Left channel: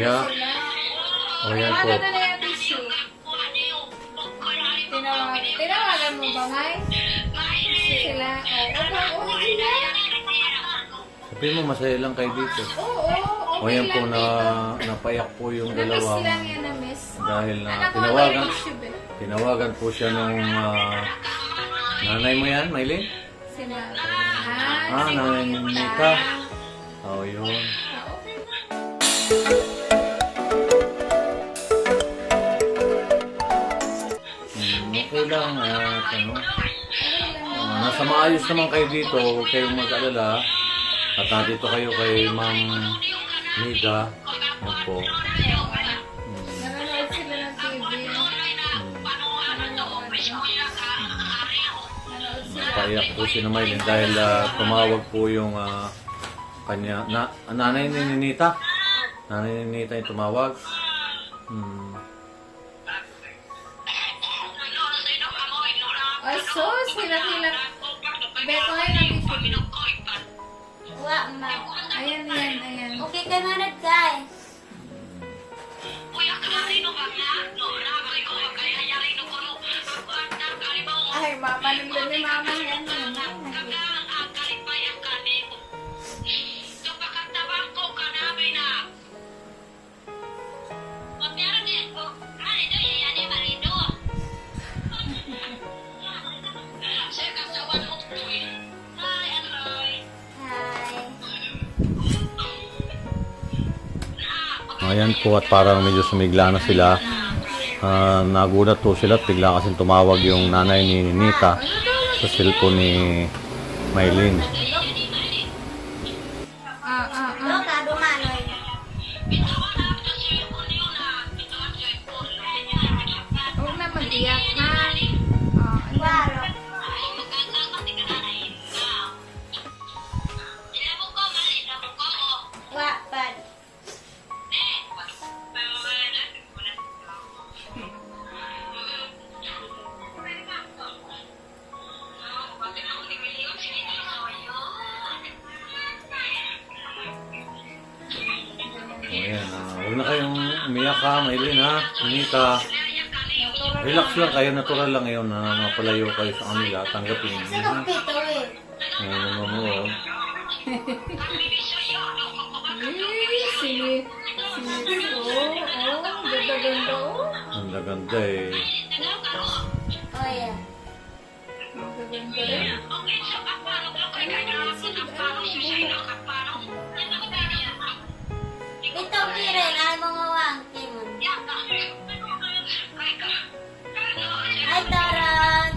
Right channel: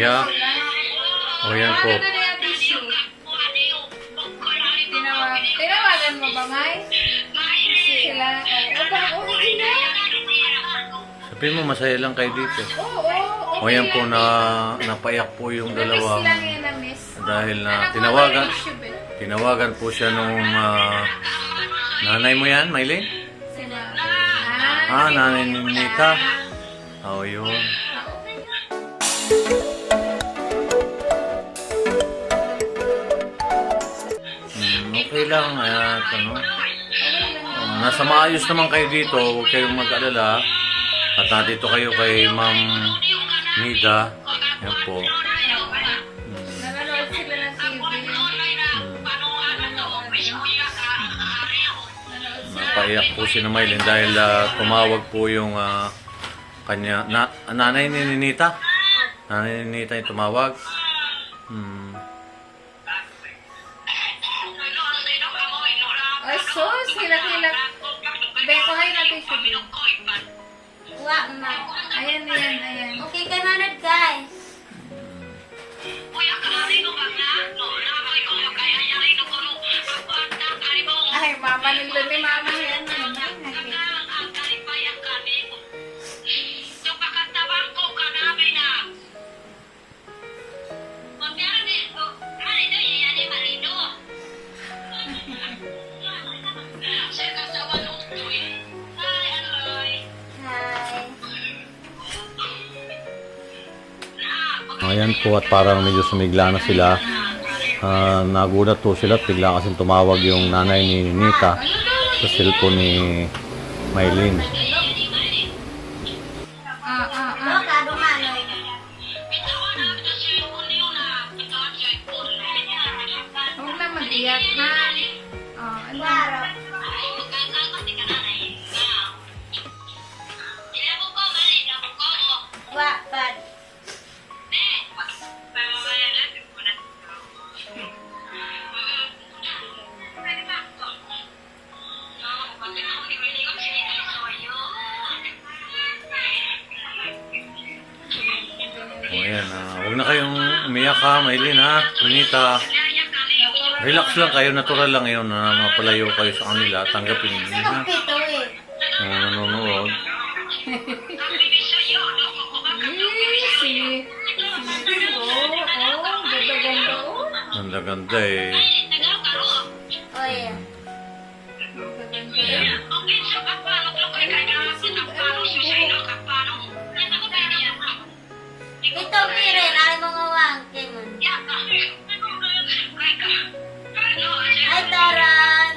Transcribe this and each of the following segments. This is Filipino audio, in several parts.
Umiyak. O yan po. Ano na yung tissue? Tinawagan mo ba, May? Sila. Oo, hindi na. Sabihin mo, masaya lang kayo dito. Oo, O yan po, napaiyak po yung dalawang lang yan na miss. dahil na Anak mo, tinawagan. may tissue ba? Tinawagan po siya nung nanay mo yan, Maylin? Sila. Nanay ni Nita. O yun. Okay lang. At nasa maayos naman kayo dito. Huwag kayong mag-alala. At nandito kayo kay Ma'am Nida. Yan po. Nanonood sila ng TV. Napaiyak po si Maylin dahil tumawag po yung kanya nanay ni Nita. Nanay ni Nita yung tumawag. So, hilak-hilak. Beko ngayon ang tissue. Wa, ma. Ayan. Okay ka na guys. Ay, mama nila ni mama yan. Hi. Ayan po at parang medyo sumigla na sila. Nagulat po sila at bigla kasing tumawag yung nanay ni Nita sa cellphone ni Maylin. Loka, dumanoy. Huwag na mag-iyak na. Klaro. Wa, pad. O ayan, huwag na kayong umiyak ha, Maylin ha, Nita. Relax lang kayo, natural lang yun na mapalayo kayo sa kanila. Tanggapin niyo ha. Pito eh. Nanonood. Ganda-ganda oh. Ganda-ganda eh. Oh yeah. Ayan. Ito pirin ay mga wangke mo. Ay Toran.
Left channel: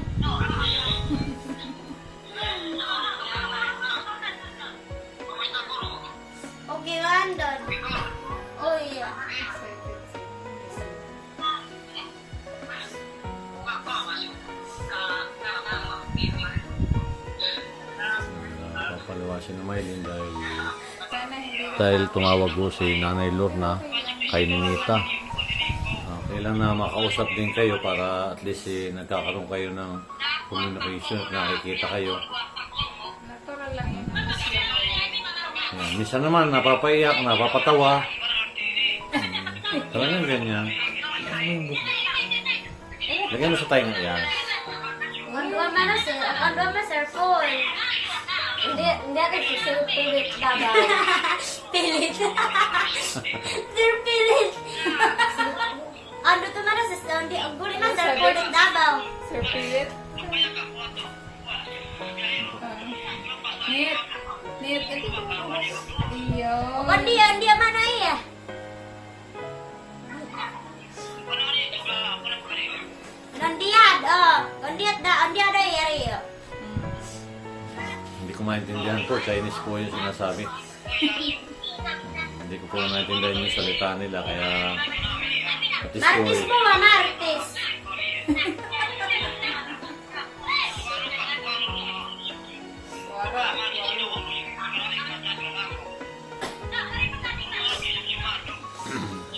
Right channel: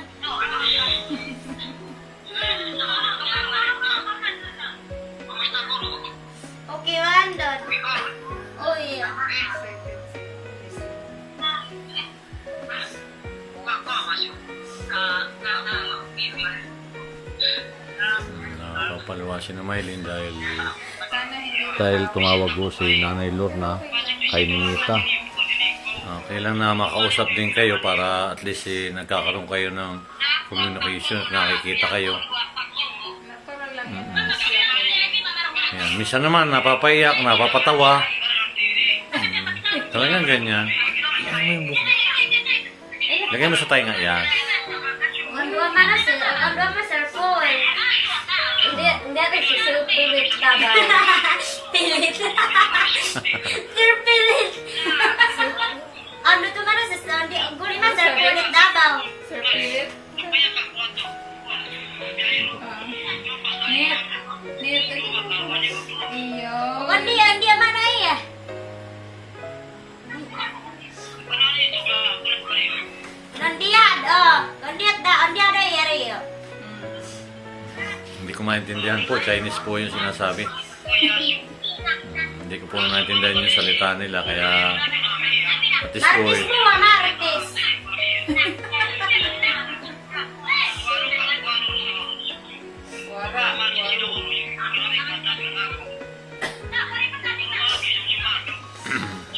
Okay, Wandon. Oh yeah. Papaluwasin na Maylin dahil tumawag po si Nanay Lorna kay Nita. Okay lang na makausap din kayo para at least nagkakaroon kayo ng communication at nakikita kayo. Natural lang yan. Ayan. Minsan naman napapaiyak, napapatawa. Talagang ganyan. Ano mo yung buka? Lagay mo sa tayo nga yan. Gandwa man na sir. Gandwa man sir Paul. Hindi ako sir pilit dabaw. Pilit. Sir pilit. Ano to man na sir? Hindi ang guli na sir pilit dabaw. Sir Philip. Net. Iyo. Hindi man na iya. Nandiyan, nandiyan ay area. Hindi ko maintindihan po. Chinese po yung sinasabi. Hindi ko po maintindihan yung salita nila. Kaya at least po Artist mo na, artist.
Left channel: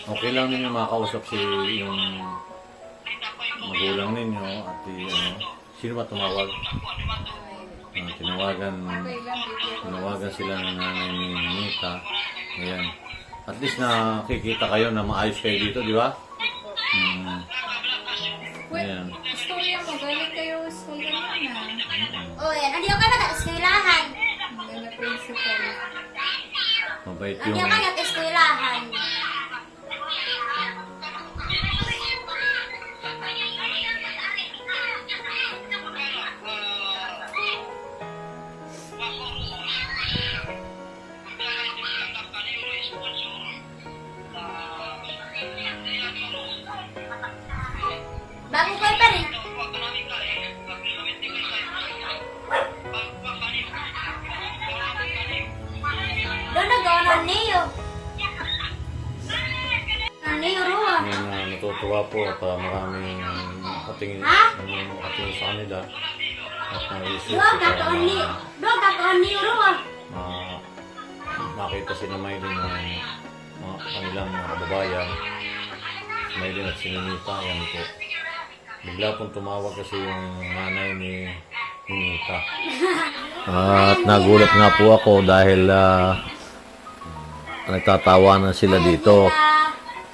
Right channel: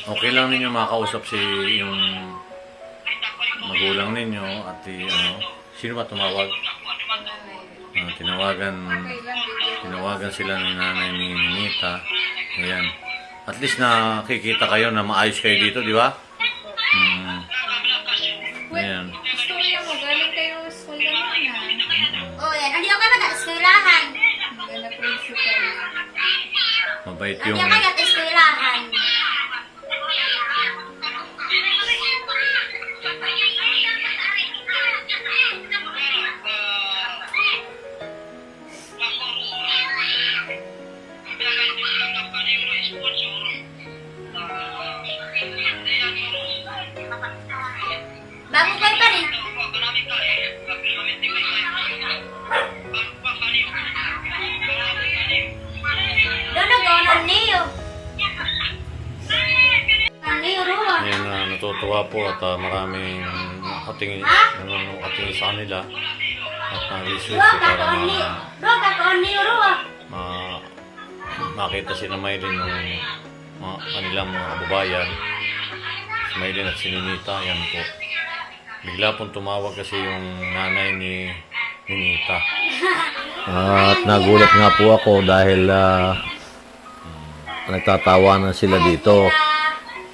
okay lang ninyo makausap si yung magulang ninyo at sino ba tumawag? Tinawagan sila ni nanay ni Nita. Ayan. At least nakikita kayo na maayos kayo dito, di ba? Ayan. Istorya mo, galing kayo sa naman. Oh, yan. Hindi ako nag-eskwelahan. Hindi na principal. Mabait Hindi yung... ako nag-eskwelahan. Bago kayo pa rin. Doon nag-onan niyo. Ang niyo ruwa. Ayan, natutuwa po at maraming nakatingin sa kanila at na-research Doon para kakaon niyo. Doon kakaon niyo ruwa. makita si na Maylin ng mga kanilang mga kababayan. Si Maylin at si Ninita, yan po. Bigla pong tumawag kasi yung nanay ni Ninita. At nagulat nga po ako dahil nagtatawanan sila dito.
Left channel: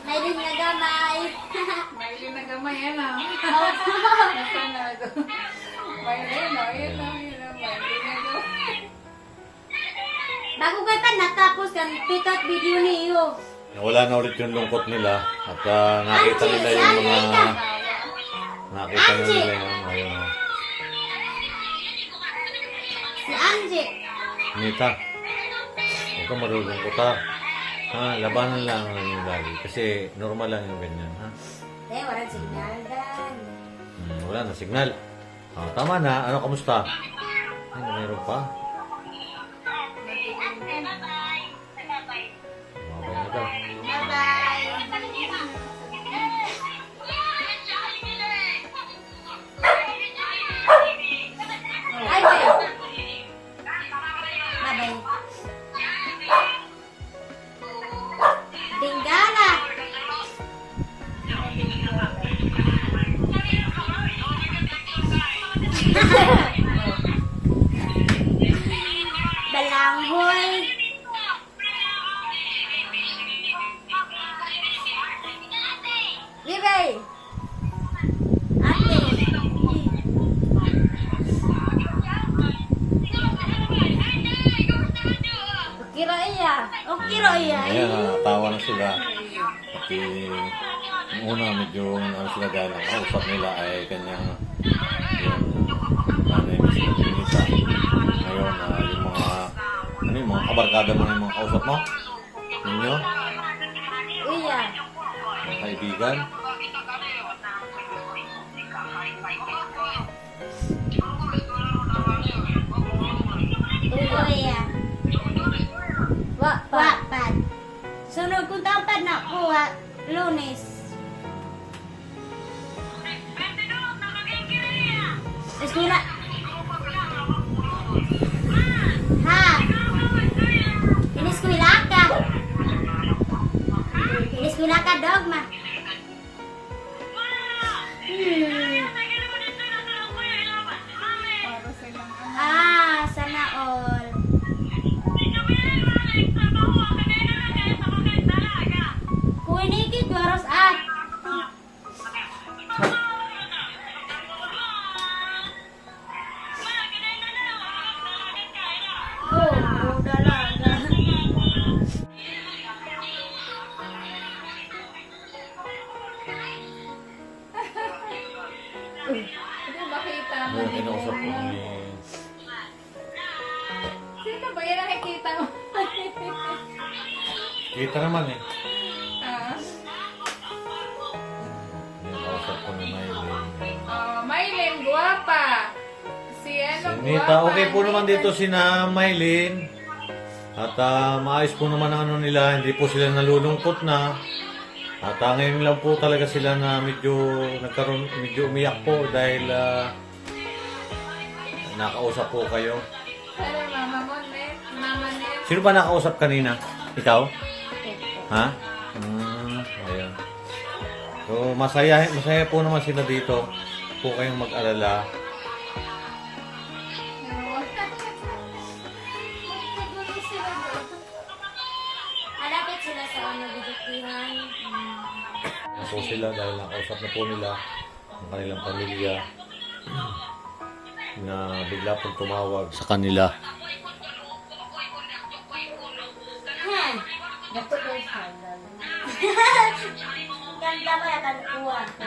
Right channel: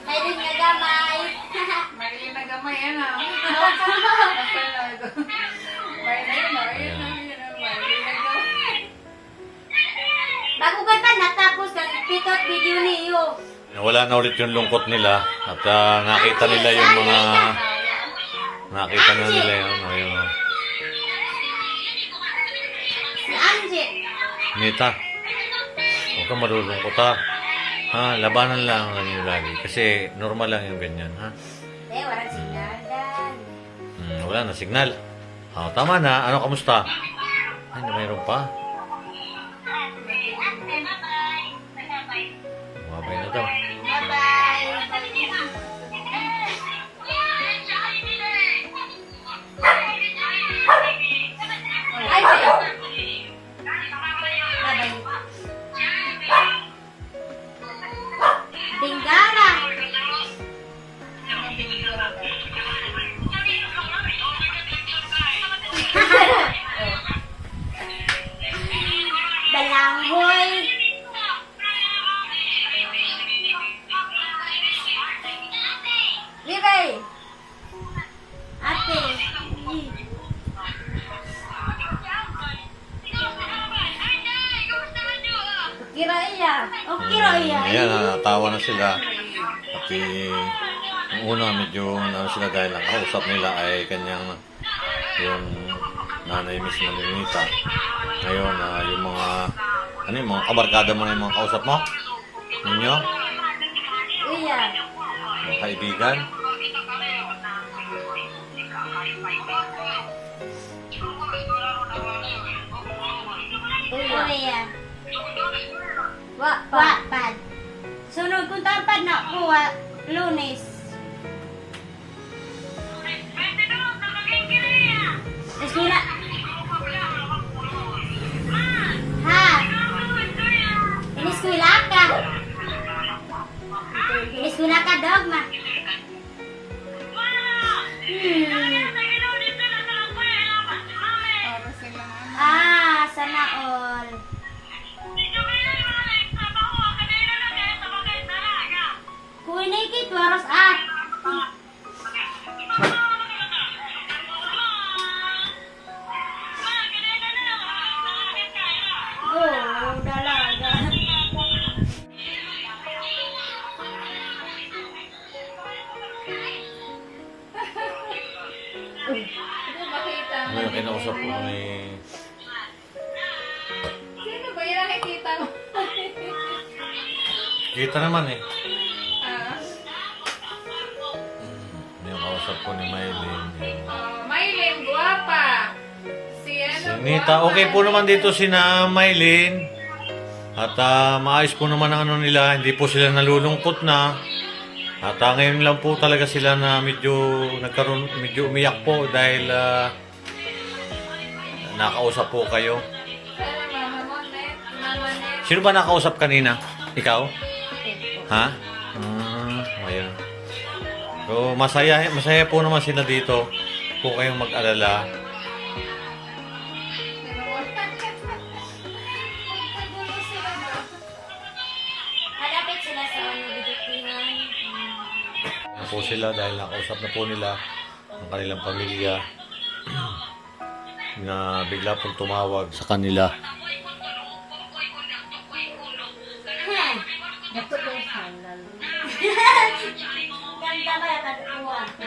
Mayroon nga gamay. May nagamay yan ah. May na yun ah. Ayun ah. May nagamay. Bago kayo pa natapos ang pitot video niyo. Wala na ulit yung lungkot nila at nakita nila yung mga yun. Ayun. Si Angie. Nita, huwag kang malulungkot ha. Ha, labanan lang ang inyo lagi. Kasi normal lang yung ganyan, ha? Walang signal dan. Wala na signal. Oh, tama na. Ano, kamusta? Ay, na mayroon pa. Mabay na daw. Ay, bye-bye. Bengala. Balanghoy. Libay. Ate. Kira iya. O kira iya. Ayan, natawa na sila. Pati yung una medyo sila dahil ang kausap nila ay kanyang yung nanay mismo ni Nita. Ngayon, yung mga kabarkada mo na yung mga kausap mo? Ninyo? Iya. Mga kaibigan? Iya. Wattpad. Sunod kong tapad na kuha, Lunes. Eskwela. Ha? Ineskwela ka. Ineskwela ka, dogma. Para silang ano. Sana all. Kuinikit, waros at. Oh, dalaga. Hindi makita mo. Ano yung kinausap ko ni... Sino ba yan nakikita mo? Kita naman eh. Ah. Yung kausap ko ni Maylin. Maylin, guwapa. Si Si ano, Nita, guwapa. okay po naman dito si na Maylin. At maayos po naman ang ano nila, hindi po sila nalulungkot na. At ngayon lang po talaga sila na medyo umiyak po dahil nakausap po kayo. Pero mama mo, net. Mama net. Sino ba nakausap kanina? Ikaw? Ha? Ayan. So, masaya po naman sila dito. Po kayong mag-alala. Pero magkagulo sila doon. Malapit sila sa na po sila dahil nakausap na po nila ang kanilang pamilya na bigla pong tumawag sa kanila. Dato ko yung halal. Ganda ba yung talukuhan ko?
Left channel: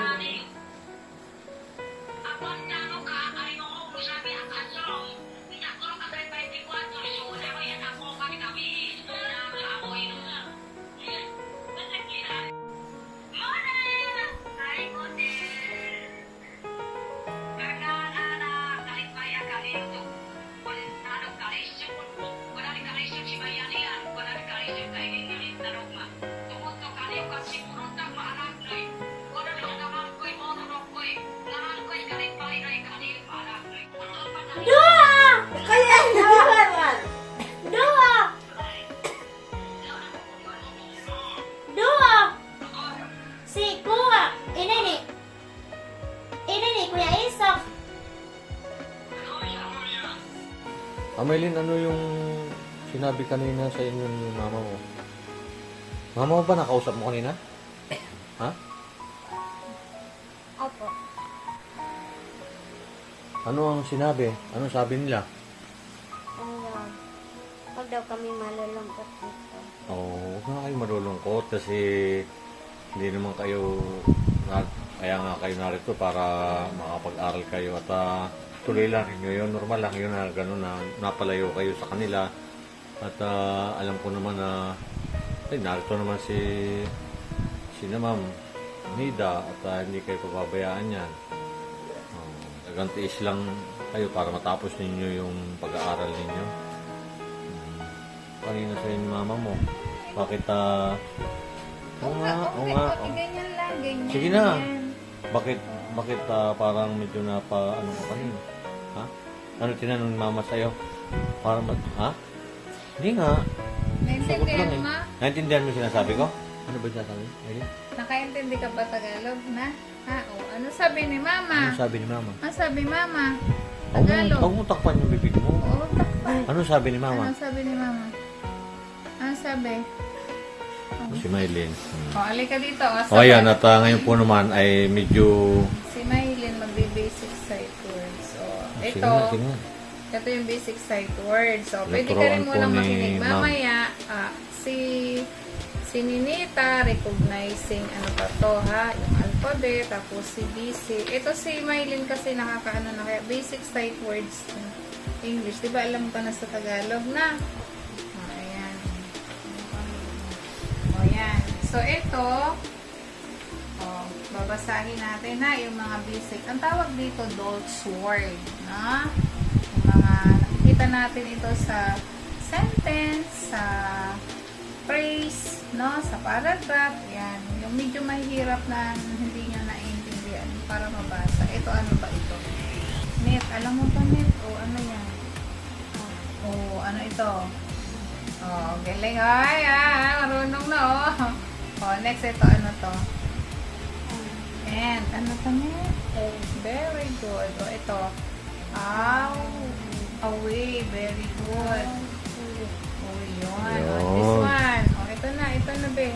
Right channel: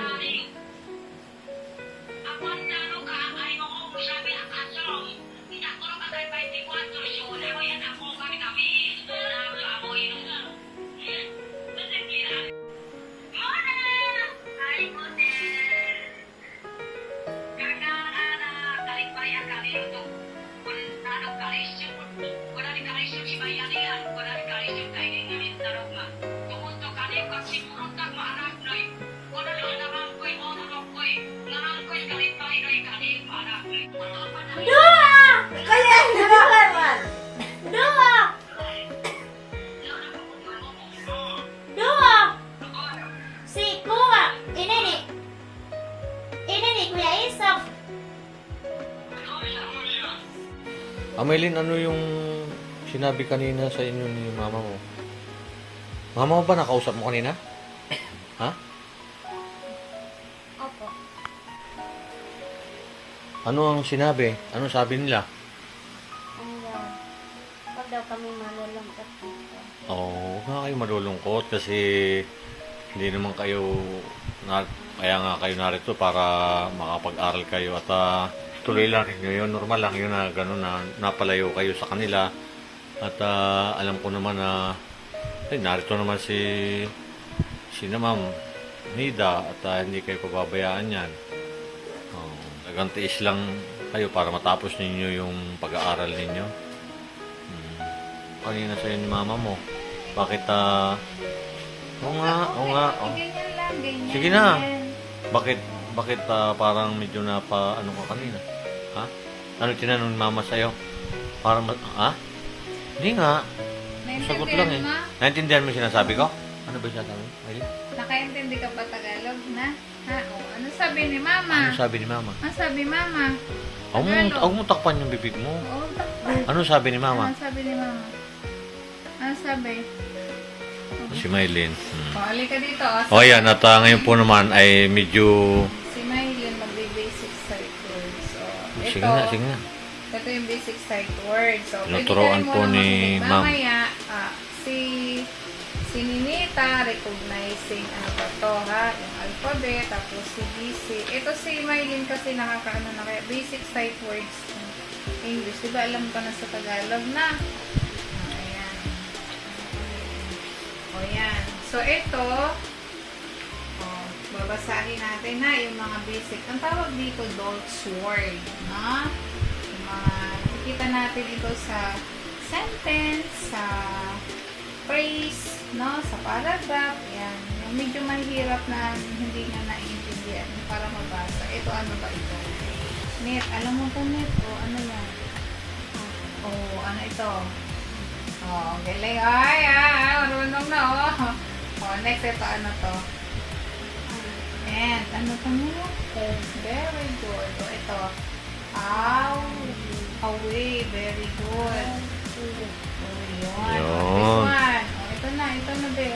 Dua! Kaya naman! Dua! Dua! Si Kuya! Inini! Kuya Isang! Amelin, ano yung sinabi kanina sa inyo ni mama mo? Mama mo ba nakausap mo kanina? Ha? Opo. Ano ang sinabi? Ano sabi nila? Ano daw? Pag daw kami malulungkot dito. Oo, huwag nga kayo malulungkot kasi hindi naman kayo, kaya nga kayo narito para makapag-aral kayo at tuloy lang ninyo yun. Normal lang yun na gano'n na napalayo kayo sa kanila at alam ko naman na narito naman si na Ma'am Nida at hindi kayo pababayaan yan. Tagantiis lang kayo para matapos ninyo yung pag-aaral ninyo. Kanina sa'yo ni mama mo. Bakit oo nga. Ganyan lang, ganyan. Sige na. Bakit parang medyo ano ka kanina? Ha? Ano tinanong ni mama sa'yo? Para ha? Hindi nga. Sagot lang eh. Naintindihan mo yung sinasabi ko? Ano ba siya sabi? Ayun. Nakaintindi ka ba Tagalog na? Ha? O, ano sabi ni mama? Ano sabi ni mama? Ano sabi mama? Huwag mo takpan yung bibig mo. Oo, takpan. Ano sabi ni mama? Ano sabi ni mama? Ano sabi? Si Maylin. O, alika dito. O ayan, at ngayon po naman ay medyo... Si Maylin magbe-basic sight words. So, ito, Sige na. ito yung basic sight words. So, Tinuturoan po ni ma'am. Mamaya, si Ninita, recognizing ano pa to ha, yung alphabet, tapos si BC. Ito si Maylin kasi nakakaano na kaya basic sight words ng English. Diba alam ka na sa Tagalog na? Ayan. O yan. So ito, babasahin natin ha, yung mga basic. Ang tawag dito, Dolt's Word. No? Yung mga nakikita natin ito sa sentence, sa phrase, no, sa paragraph, yan. Yung medyo mahirap na hindi nyo naiintindihan para mabasa. Ito, ano ba ito? Net. Alam mo ba net? O, ano yan? O, ano ito? O, galing. Ay, marunong na, o. O, next, ito, ano to? And, ano to mo? Very good. O, ito. Away. Very good. Oh, yun. This one. Oh, ito na ba?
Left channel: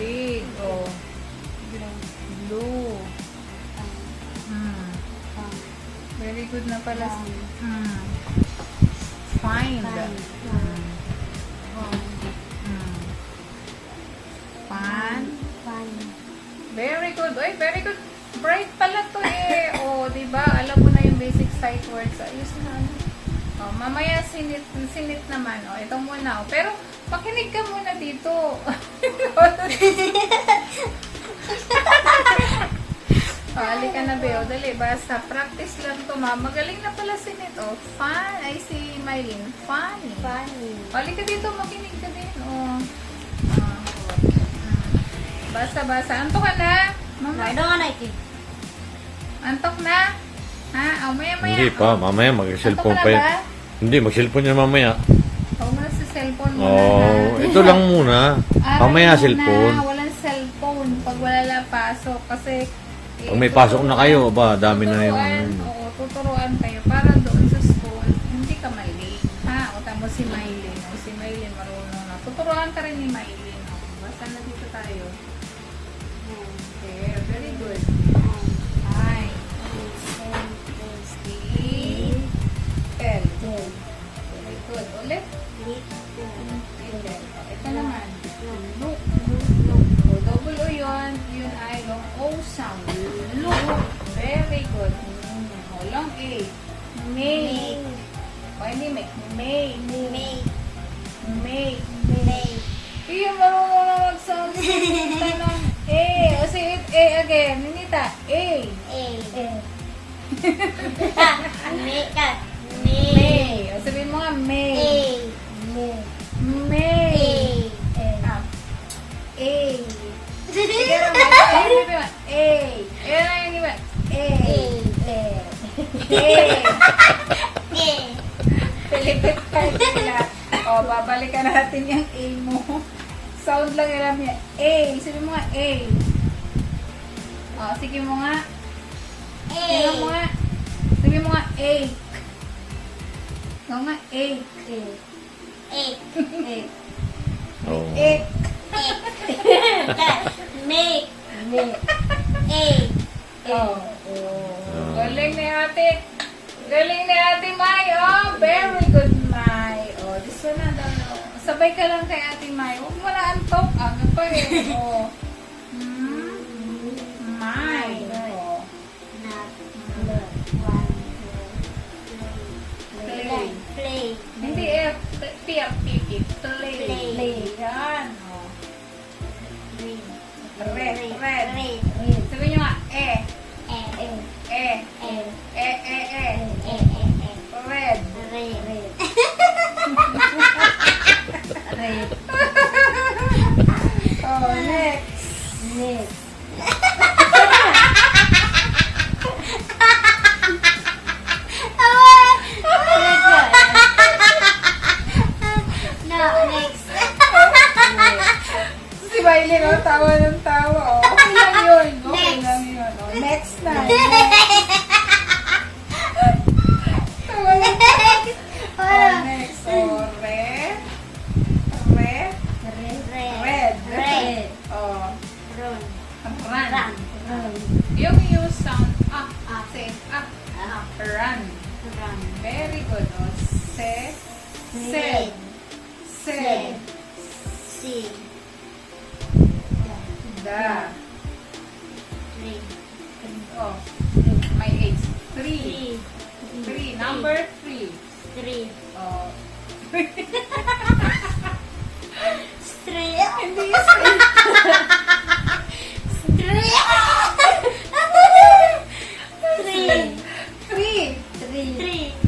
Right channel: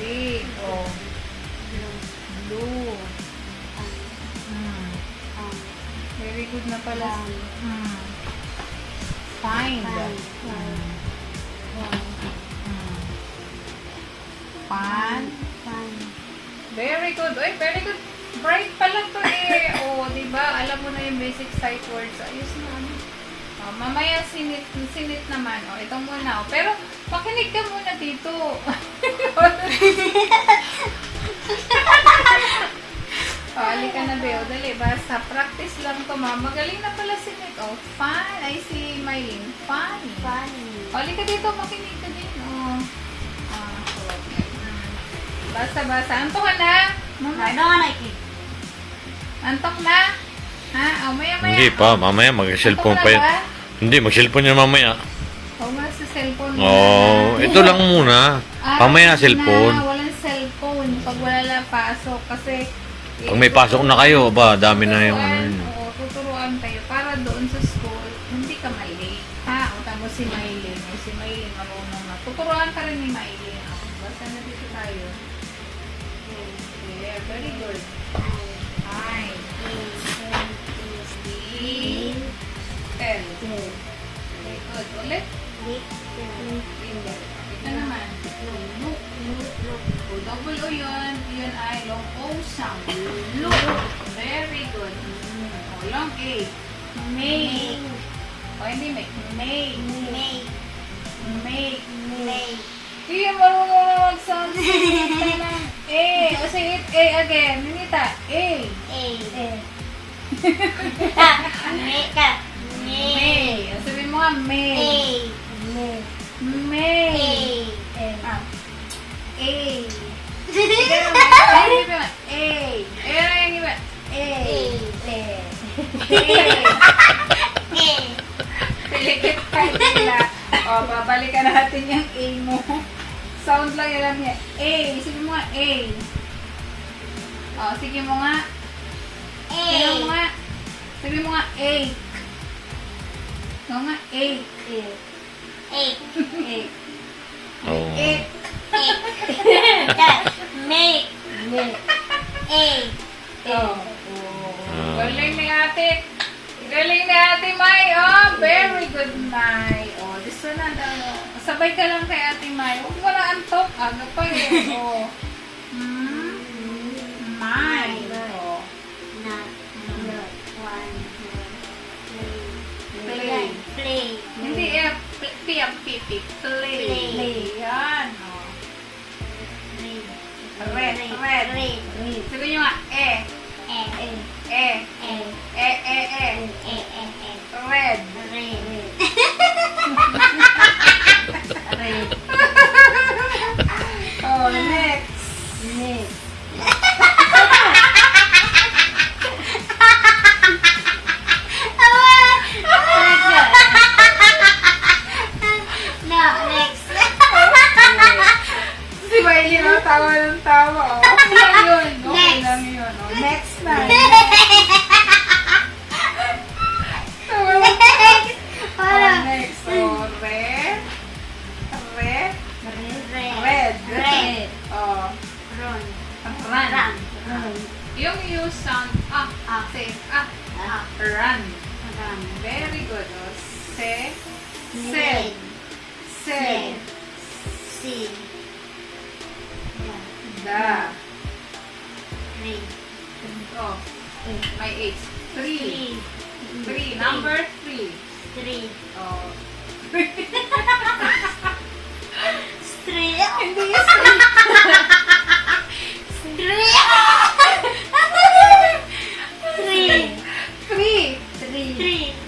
Big. Oh. Blue. Very good na pala. Find. Fan. Very good. Oy, very good. Bright pala to eh. Oh, diba? Alam mo na yung basic sight words. Ayos na. Oh, mamaya sinit naman. Oh, ito muna. Oh. Pero makinig ka muna dito. Halika na, Beo. Dali, basta. Practice lang to, ma. Magaling na pala si Nit. Oh, fun. Ay, si Maylin. Fun. Halika dito, makinig ka din. Oh. Basta. Antok ka na? Mama. Antok na? Ha? Oh, maya. Hindi pa, mamaya mag-cellphone pa yan. Hindi, mag-cellphone yan mamaya. Oo nga, sa cellphone muna. Oh, ito lang muna. Mamaya cellphone. Walang cellphone pag wala pasok. Kasi Pag may pasok na kayo, dami na yung ano yun. Oo, tuturuan kayo para doon sa school, hindi ka malate. Ha? O tamo si Maylin. O si Maylin marunong na. Tuturuan ka rin ni Maylin. O, basta na dito tayo. O sound. Look. Very good. O, long A. Make. O, hindi make. Make. Make. Make. Make. Hindi marunong na mag-sound. A. O, sige, A again. Ninita. A. A. A. Make. May. O, sabihin mo nga, May. A. May. A. Ah. A. Sige na, may. A. Ayan na yung iba. A. A. Pilikit ka nila. O, babalikan natin yung A mo. Sound lang alam niya. A. Sabihin mo nga, A. O, sige mo nga. Tingnan mo nga. Sabihin mo nga, egg. Ikaw nga, egg. Egg. Oo. Egg. Make. Egg. Oh. Galing ni ate. Galing ni ate May. Oh, very good, May. Oh, this one na daw. Sabay ka lang kay ate May. Huwag mo na antok. Aga pa eh. Oh. May. Oh. Play. Hindi eh. Pipi. Play. Yan. Oh. Red. Sabi nyo nga, Red. Oh, next. Next. Si Miley, no? Tawa ng tawa. Oh. Okay lang yun. Okay Next. lang yun. Oh. Next na. Tawa ng Oh, next. Oh, red. Oh, run. Yung you sound say run. Very good. Oh. Said. Da. Oh, my age. Three. Number 3. Oh. Hindi yung three.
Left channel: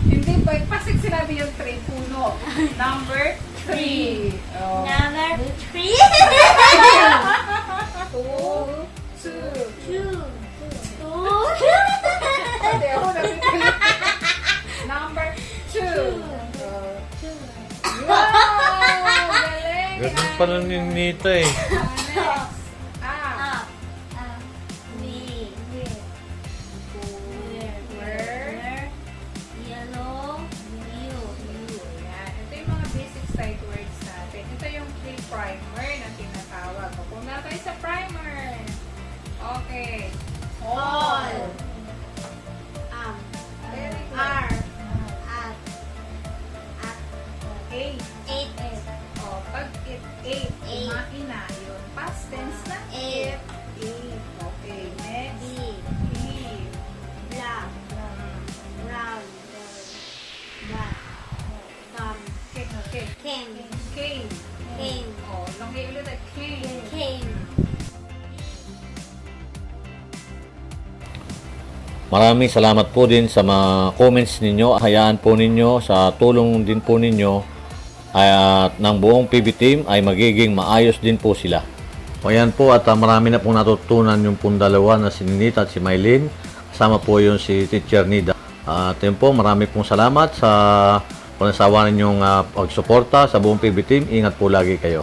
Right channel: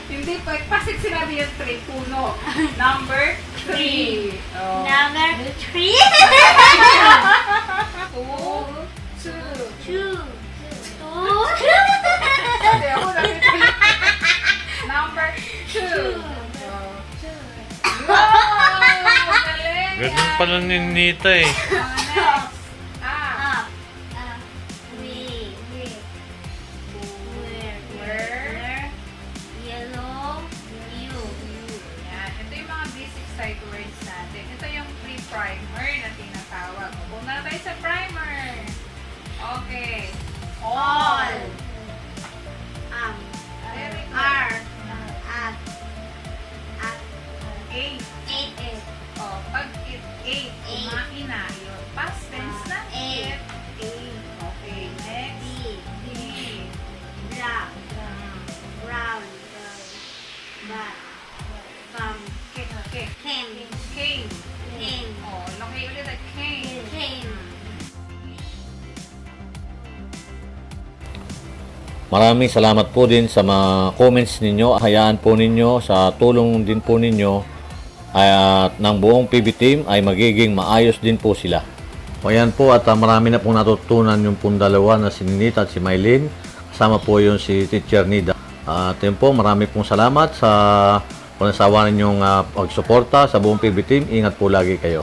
Hindi pa. Pasig sinabi yung 3. Puno. Number 3. Oh. Number 3. 2. Hindi ako napipili. Number 2. Wow! Galing! Ganun pala ni Nita eh. Next. Up. Where? Yellow. You. Yan. Ito yung mga basic sight words natin. Ito yung pre-primer na tinatawag. Pupunta tayo sa primer. Okay. All. Very good. R. Eight. 8. Oh, pag it, eight. Kumain na. Yun. Past tense na. Eight. Eight. Okay. Next. B. Black. Brown. Black. Came. Came. Oh, laki ulit at came. Maraming salamat po din sa mga comments ninyo. Hayaan po ninyo sa tulong din po ninyo at ng buong PB team ay magiging maayos din po sila. O yan po at marami na pong natutunan yung pong dalawa na si Ninita at si Mylene. Kasama po yung si Teacher Nida. At yun po, marami pong salamat sa panasawa ninyong pagsuporta sa buong PB team. Ingat po lagi kayo.